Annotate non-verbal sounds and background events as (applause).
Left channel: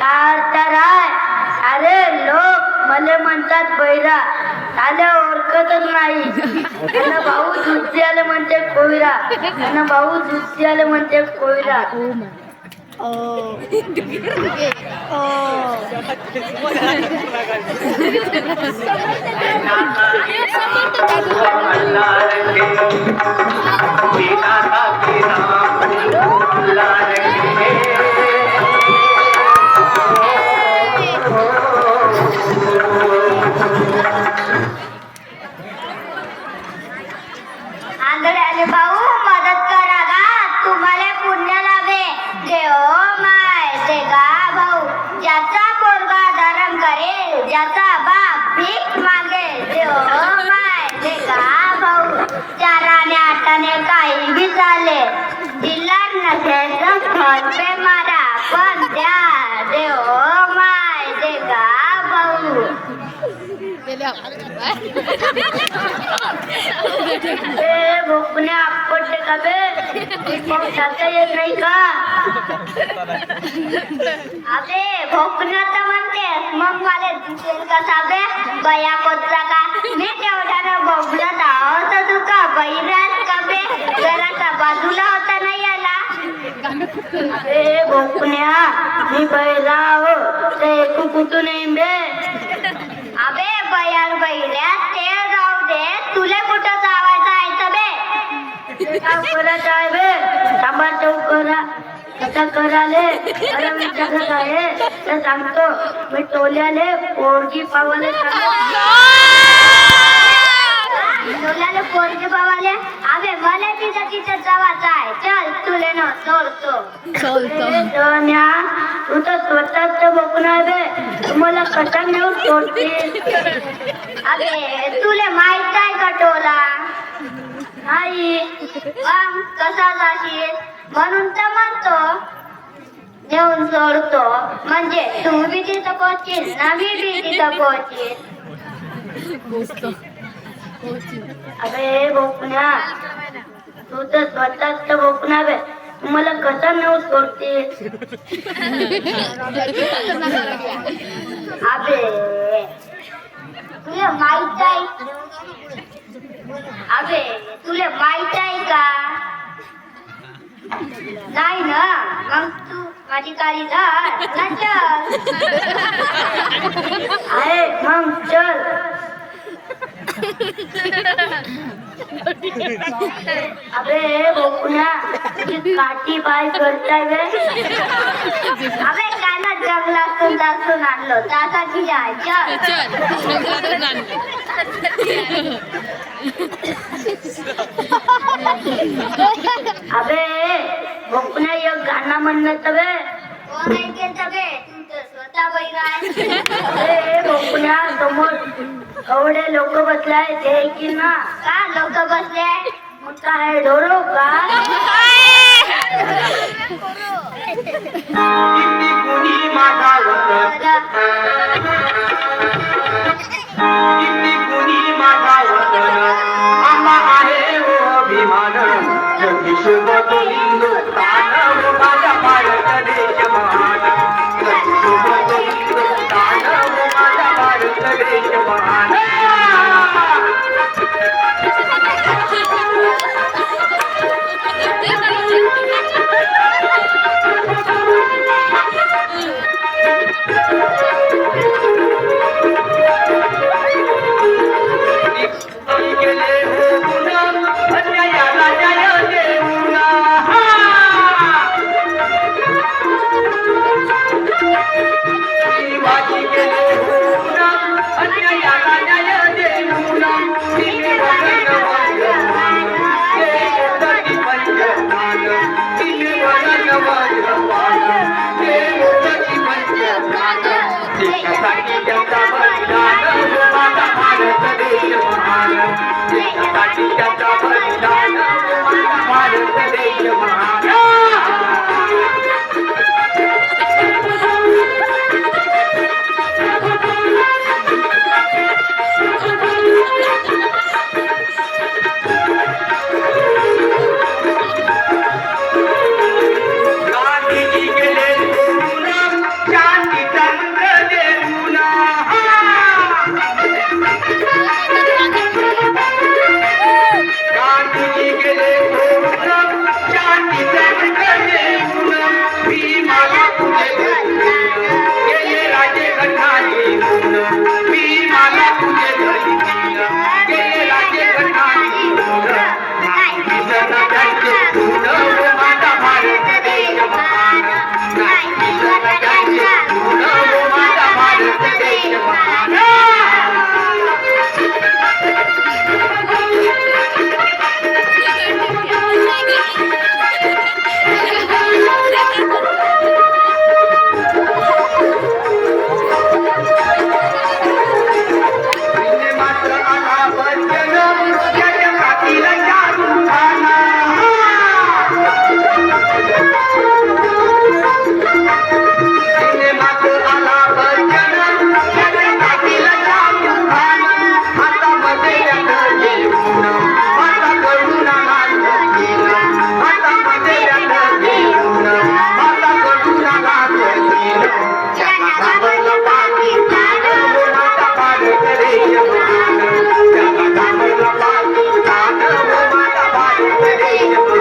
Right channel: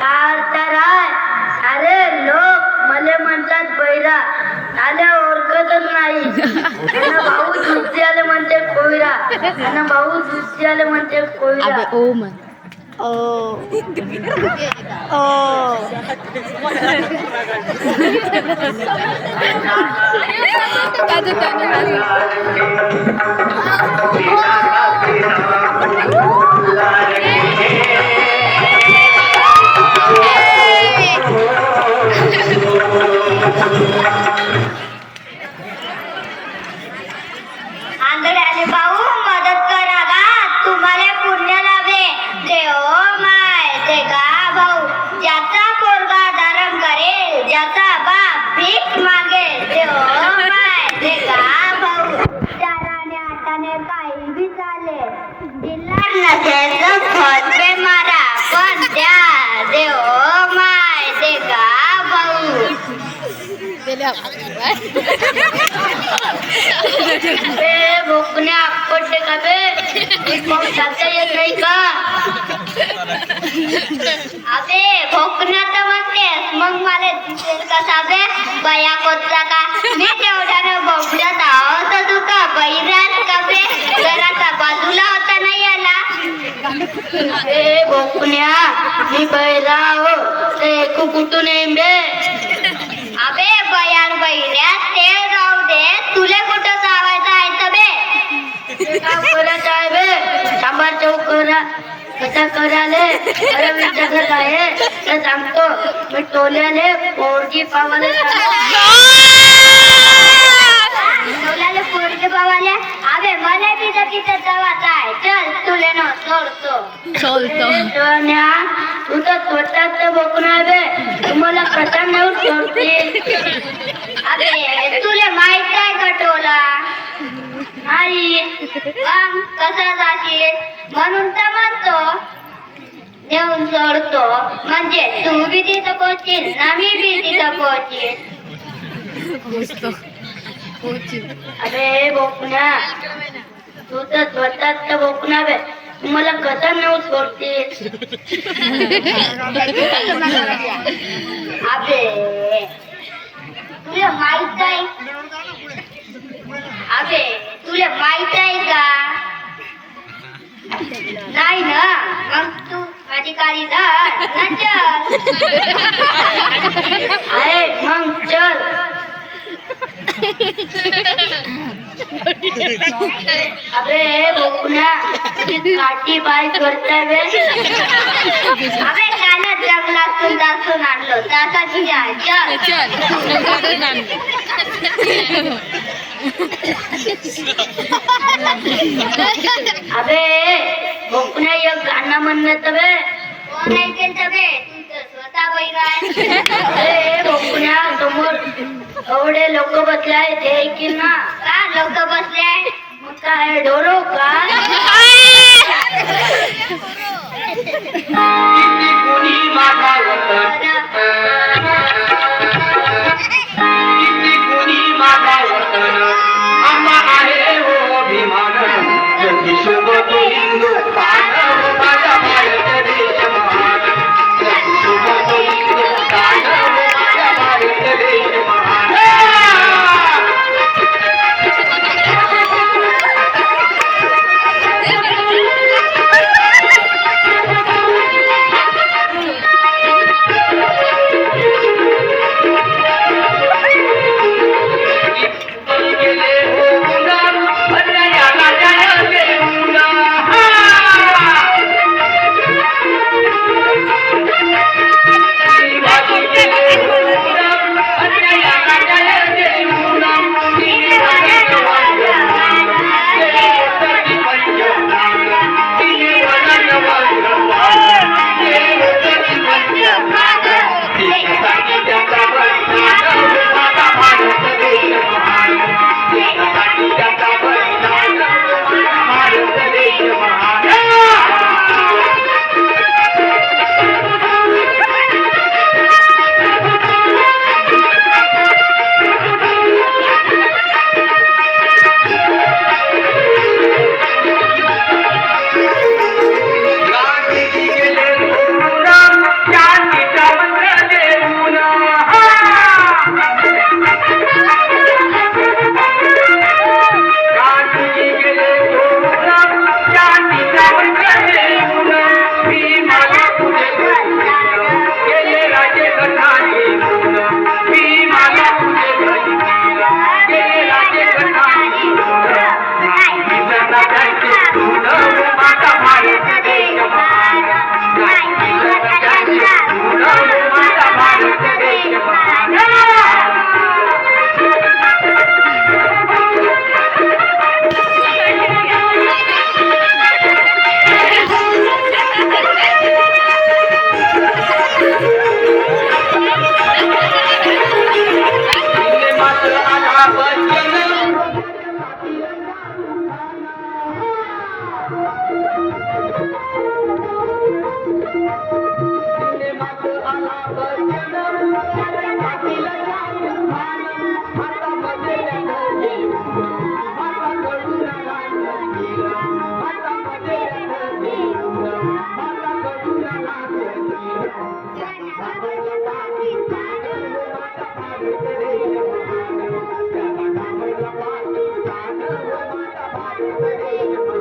अर्थ राय अरे लोक मले म्हणतात बैरा आल्या ओळखतच नाही. भाऊ दुसरी आले म्हणते कोयरा आणि भाऊ दुसरी आले म्हणते कोयरा. ओ म्हण ओ भाऊ मदत करा गा तुम्हाला पुण्य लाभे. देव माय ते गा भाऊ ज्याचा पोरगा धरम करेल ज्याचा बाप भीक मागेल देव माय ते गा भाऊ चाराने आठाने काही बी चाले दिलार नसेल तर फोन पे मारा पण द्या देव माय ते गा भाऊ ए आपको आपटे का बे? एक का? अबे भोकना तर म्हणतेस मग मला दिसेल का साबे? बया कोतला का? मी तेवढ्यानं बोबडत आहो तर तू का बैरात का बे? घराचा बाजूला होता नाही आला ए भोकण्या मी बैरा हो ते एकू कुठून येईन बे? बयान बहिण्या ते जाऊ दे. तुला कुठं जावायचं आहे तर बे. ते काम करत आहे बे. सांबार चौक करा. कसा कराले अरे मी जगत आहे. ते सांगतो मी टोल्याले पोरगी पावाले टोल्याले पोरगी पावाले. अबे मला तिथं तिथं जावायचं आहे. चल तुले न सोडतो चालतं देवान्या, तू तर स्वतःच बघून आहे बे तुम्हाला कसा नेऊन सोडतील. अबे तुला माहीत आहे का टोला? मग कसा जाशील? म्हणून तर म्हणतो. नेऊन सोडतो. म्हणजे तू बी तिथं पोहोचील ना मी बी तिथं पोहोचील. अरे बोकण्या. तू तर स्वतःच बोकण्या बे मला कसा नेऊन सोडते अबे तुला माहीत आहे? अबे तुला माहीत आहे का? नाही ना? मग तू माझी काळी जा ना चल अरे मग चल अबे बोकुण्या काठी पाय करताय अबे कानात जंगलातून दासून आणलो. तासाची अबे बोकुण्या एक गाणं म्हणलं कोण ऐकेल तर (laughs) समोर एवढे लोक बसले आहे ते ऐकील ना. का लोक बसले? आहे मग काय डोरो काय? कुणी मागावत Thank you. Thank you.